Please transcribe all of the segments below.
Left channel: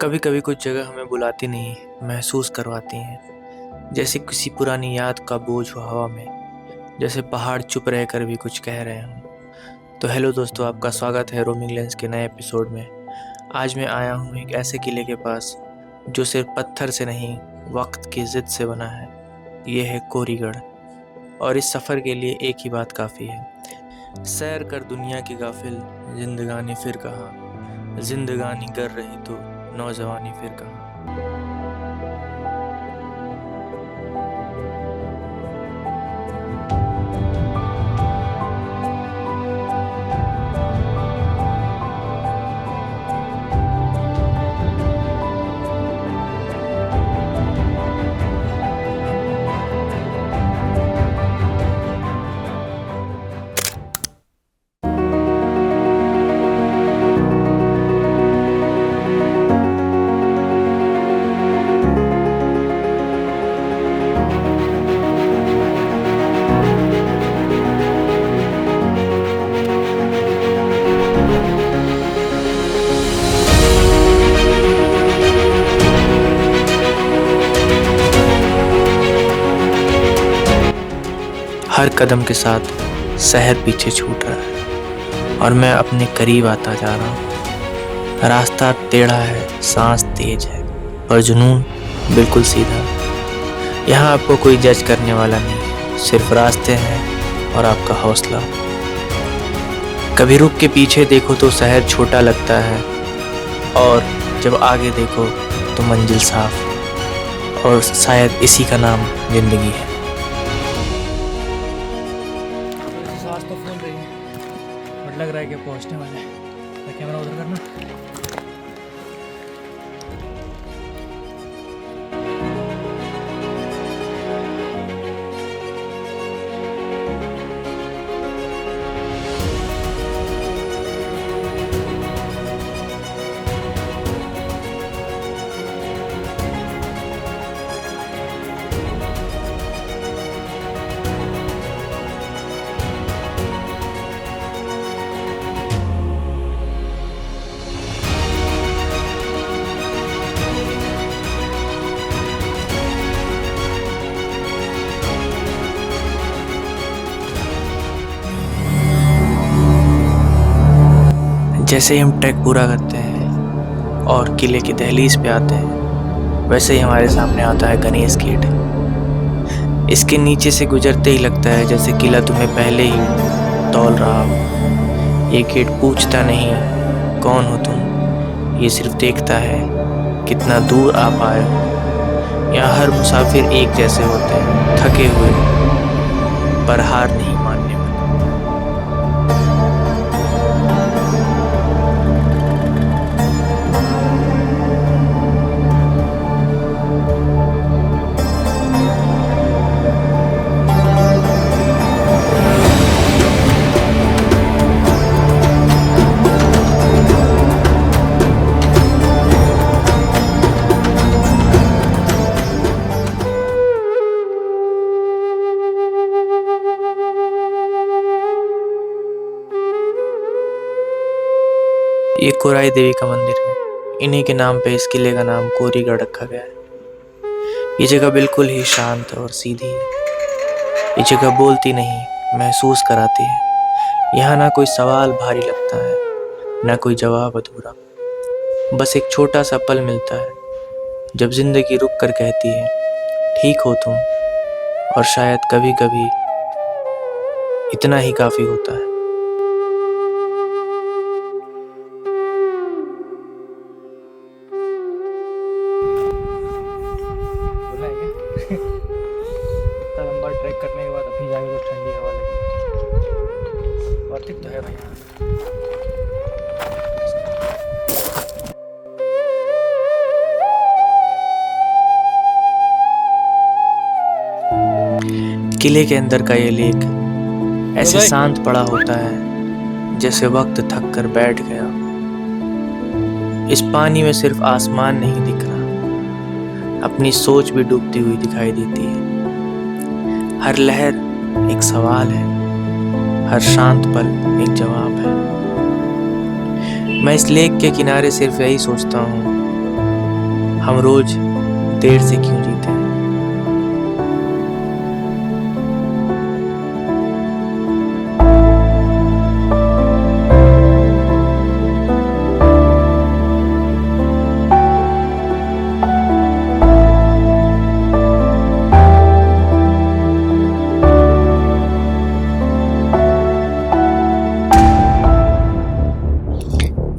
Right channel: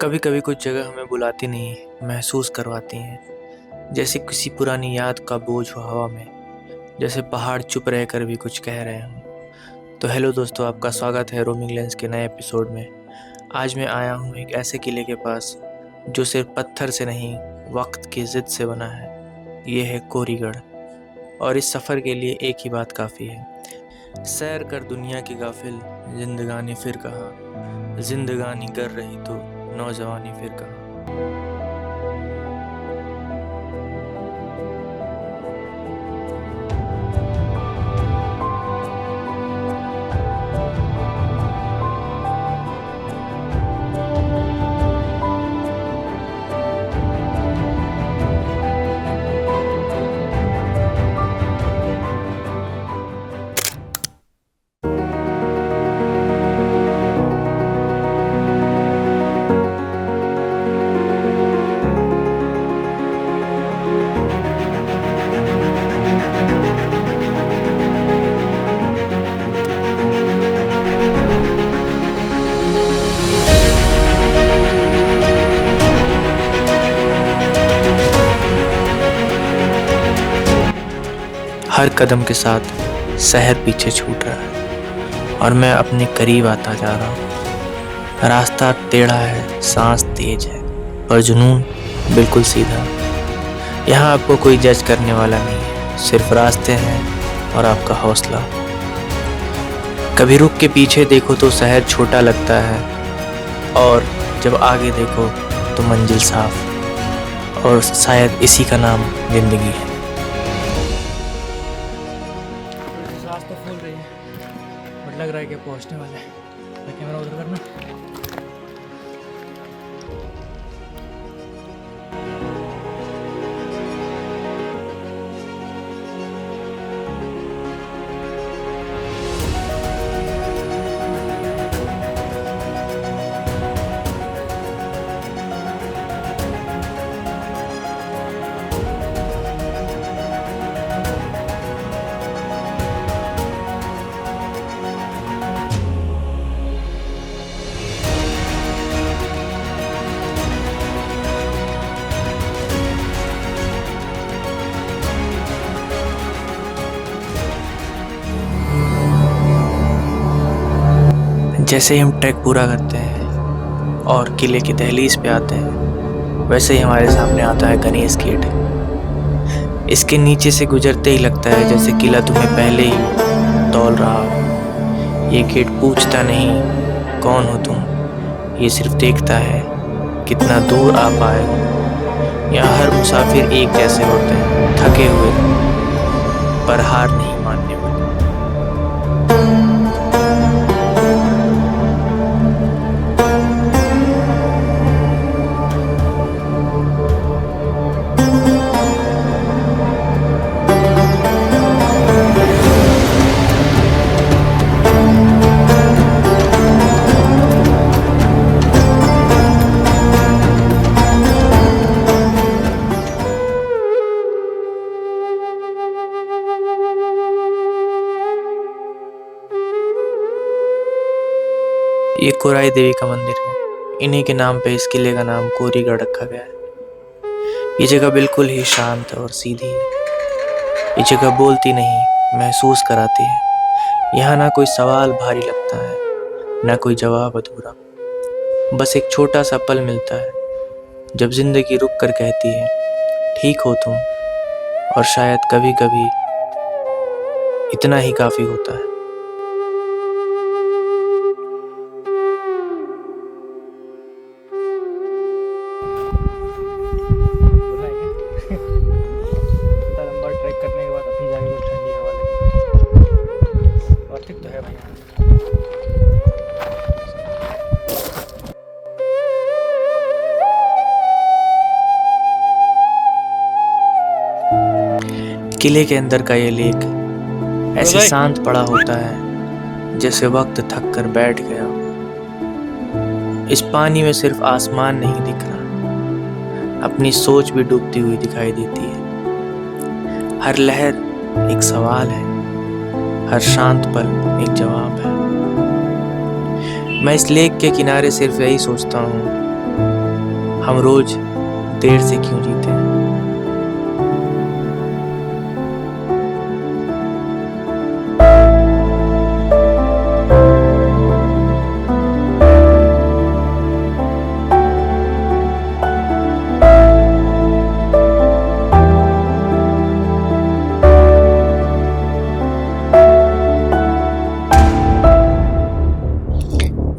कभी कभी कुछ जगह हमें बुलाती नहीं, महसूस करवाती हैं। जैसे किसी पुरानी याद का बोझ हो हवा में, जैसे पहाड़ चुप रहकर भी कुछ कह रहे हों। तो हेलो दोस्तों, आपका स्वागत है रोमिंग लेंस के नए एपिसोड में। आज मैं आया हूँ एक ऐसे किले के पास जो सिर्फ पत्थर से नहीं, वक्त की जिद से बना है। ये है कोरीगढ़। और इस सफ़र के लिए एक ही बात काफ़ी है, सैर कर दुनिया की गाफिल, जिंदगानी फिर कहाँ। जिंदगानी कर रही तो नौजवानी फिर कहाँ। हर कदम के साथ शहर पीछे छूट रहा है और मैं अपने करीब आता जा रहा हूँ। रास्ता टेढ़ा है, सांस तेज है, पर जुनून बिल्कुल सीधा। यहाँ आपको कोई जज करने वाला नहीं है, सिर्फ रास्ते हैं और आपका हौसला। कभी रुक के पीछे देखो तो शहर छोटा लगता है, और जब आगे देखो तो मंजिल साफ। और शायद इसी का नाम जिंदगी है। सांस तो फूल रही है, बट लग रहा है कि पहुंचने वाला है। तो कैमरा उधर करना। जैसे ही हम ट्रैक पूरा करते हैं और किले की दहलीज पे आते हैं, वैसे ही हमारे सामने आता है गणेश गेट। इसके नीचे से गुजरते ही लगता है जैसे किला तुम्हें पहले ही तौल रहा हो। ये गेट पूछता नहीं कौन हो तुम, ये सिर्फ देखता है कितना दूर आ पाए हो। यहाँ हर मुसाफिर एक जैसे होते हैं, थके हुए पर हार नहीं मानने वाले। ये कोराई देवी का मंदिर है। इन्हीं के नाम पे इस किले का नाम कोरीगढ़ रखा गया है। ये जगह बिल्कुल ही शांत और सीधी है। ये जगह बोलती नहीं, महसूस कराती है। यहाँ ना कोई सवाल भारी लगता है, ना कोई जवाब अधूरा। बस एक छोटा सा पल मिलता है जब जिंदगी रुक कर कहती है ठीक हो तुम। और शायद कभी कभी इतना ही काफी होता है। इतना लंबा ट्रैक करने के बाद अभी जाके कुछ ठंडी हवा लगी। और ठीक तो है भाई। किले के अंदर का ये लेक ऐसे शांत पड़ा होता है जैसे वक्त थक कर बैठ गया। इस पानी में सिर्फ आसमान नहीं दिख रहा, अपनी सोच भी डूबती हुई दिखाई देती है। हर लहर एक सवाल है, हर शांत पल एक जवाब है। मैं इस लेक के किनारे सिर्फ यही सोचता हूँ हम रोज देर से क्यों जीते हैं।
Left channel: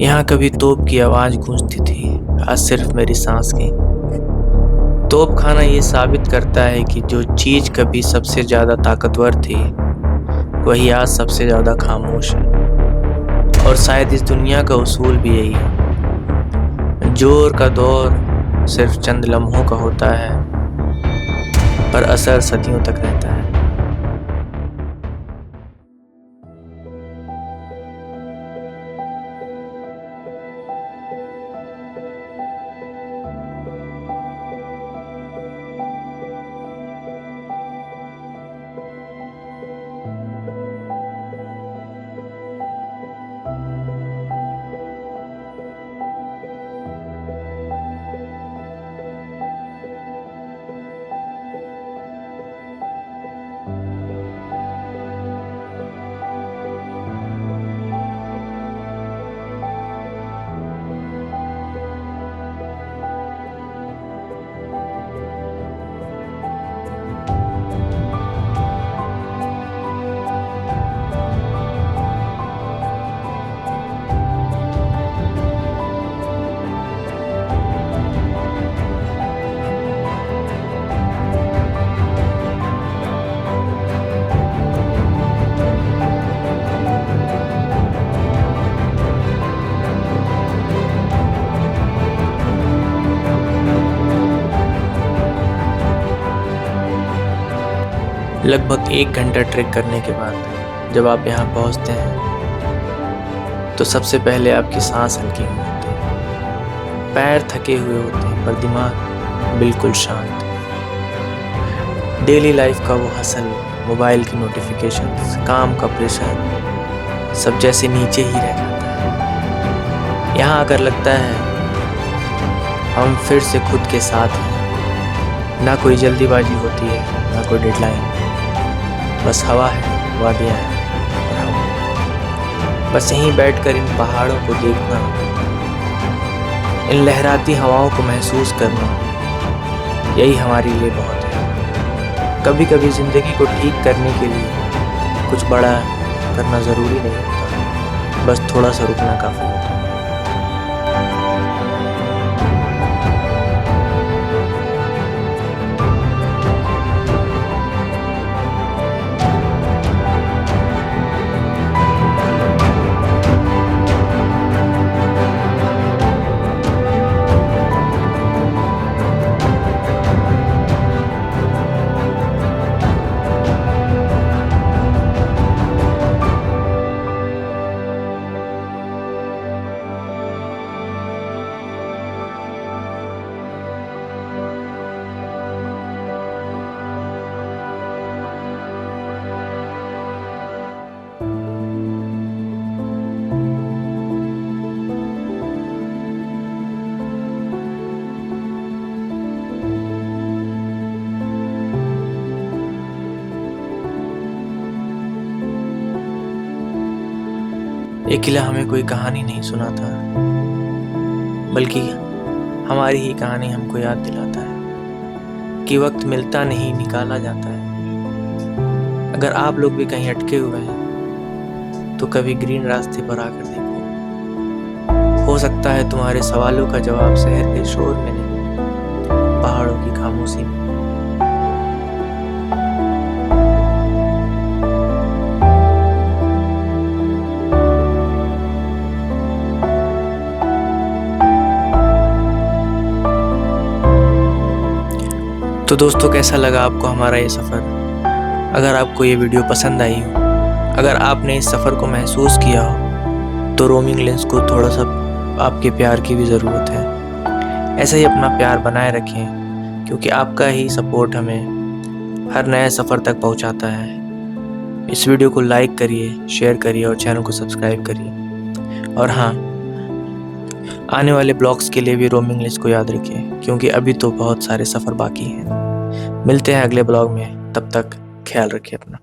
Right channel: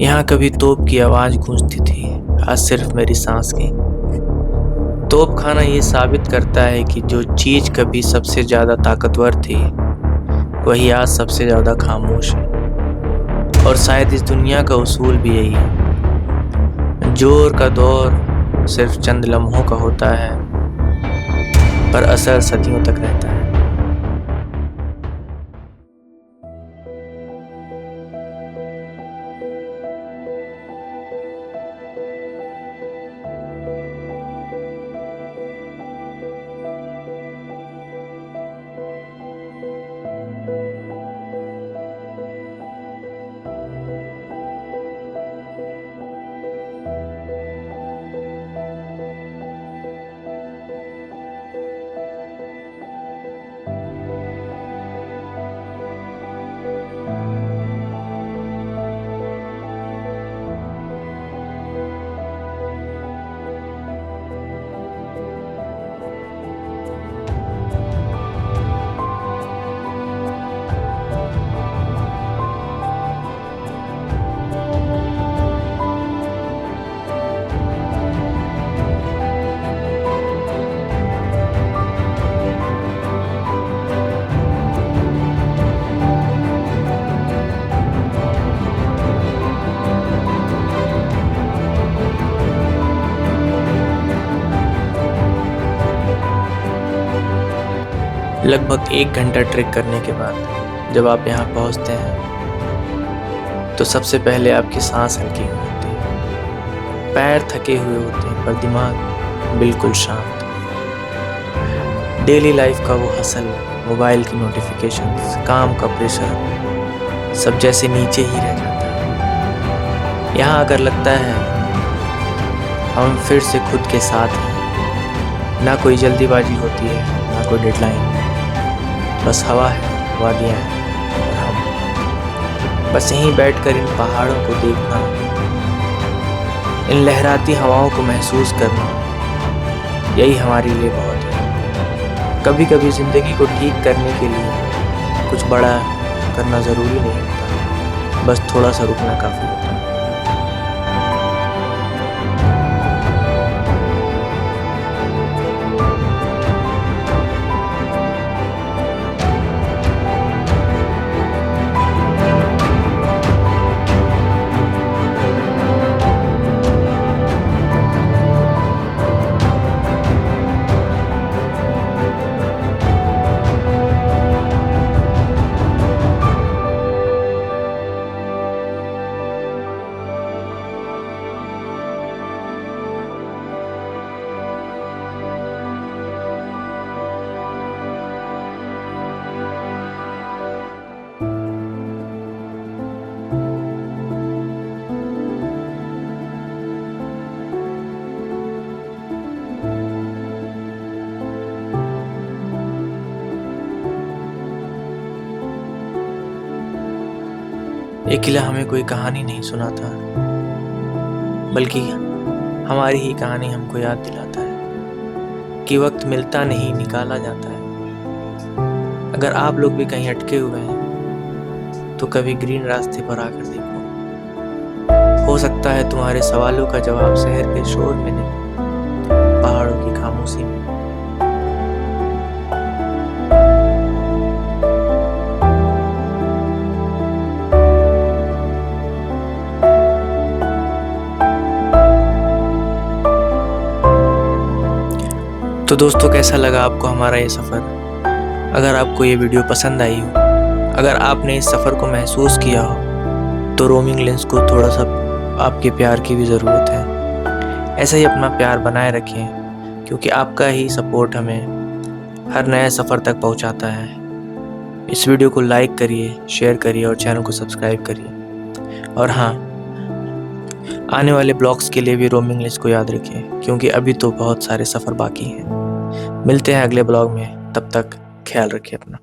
यहाँ कभी तोप की आवाज गूंजती थी, आज सिर्फ मेरी सांस की। तोप खाना ये साबित करता है कि जो चीज कभी सबसे ज्यादा ताकतवर थी वही आज सबसे ज्यादा खामोश है। और शायद इस दुनिया का उसूल भी यही है, जोर का दौर सिर्फ चंद लम्हों का होता है पर असर सदियों तक रहता है। लगभग 1 घंटा ट्रेक करने के बाद जब आप यहाँ पहुँचते हैं तो सबसे पहले आपकी सांस हल्की हो जाती है। पैर थके हुए होते हैं पर दिमाग बिल्कुल शांत। डेली लाइफ का वो हसल, मोबाइल की नोटिफिकेशंस, काम का प्रेशर सब जैसे नीचे ही रह जाता है। यहाँ आकर लगता है हम फिर से खुद के साथ हैं। ना कोई जल्दीबाजी होती है, ना कोई डेडलाइन, बस हवा है, वादियाँ हैं और हम। बस यहीं बैठकर इन पहाड़ों को देखना, इन लहराती हवाओं को महसूस करना, यही हमारे लिए बहुत है। कभी कभी ज़िंदगी को ठीक करने के लिए कुछ बड़ा करना ज़रूरी नहीं होता, बस थोड़ा सा रुकना काफ़ी होता है। ये किला हमें कोई कहानी नहीं सुनाता, बल्कि हमारी ही कहानी हमको याद दिलाता है कि वक्त मिलता नहीं, निकाला जाता है। अगर आप लोग भी कहीं अटके हुए हैं तो कभी ग्रीन रास्ते पर आकर देखो। हो सकता है तुम्हारे सवालों का जवाब शहर के शोर में नहीं, पहाड़ों की खामोशी में। तो दोस्तों, कैसा लगा आपको हमारा ये सफ़र? अगर आपको ये वीडियो पसंद आई हो, अगर आपने इस सफ़र को महसूस किया हो, तो रोमिंग लेंस को थोड़ा सा आपके प्यार की भी ज़रूरत है। ऐसा ही अपना प्यार बनाए रखें, क्योंकि आपका ही सपोर्ट हमें हर नए सफ़र तक पहुंचाता है। इस वीडियो को लाइक करिए, शेयर करिए और चैनल को सब्सक्राइब करिए। और हाँ, आने वाले ब्लॉग्स के लिए भी रोमिंग लिस्ट को याद रखें, क्योंकि अभी तो बहुत सारे सफ़र बाकी हैं। मिलते हैं अगले ब्लॉग में, तब तक ख्याल रखिए अपना।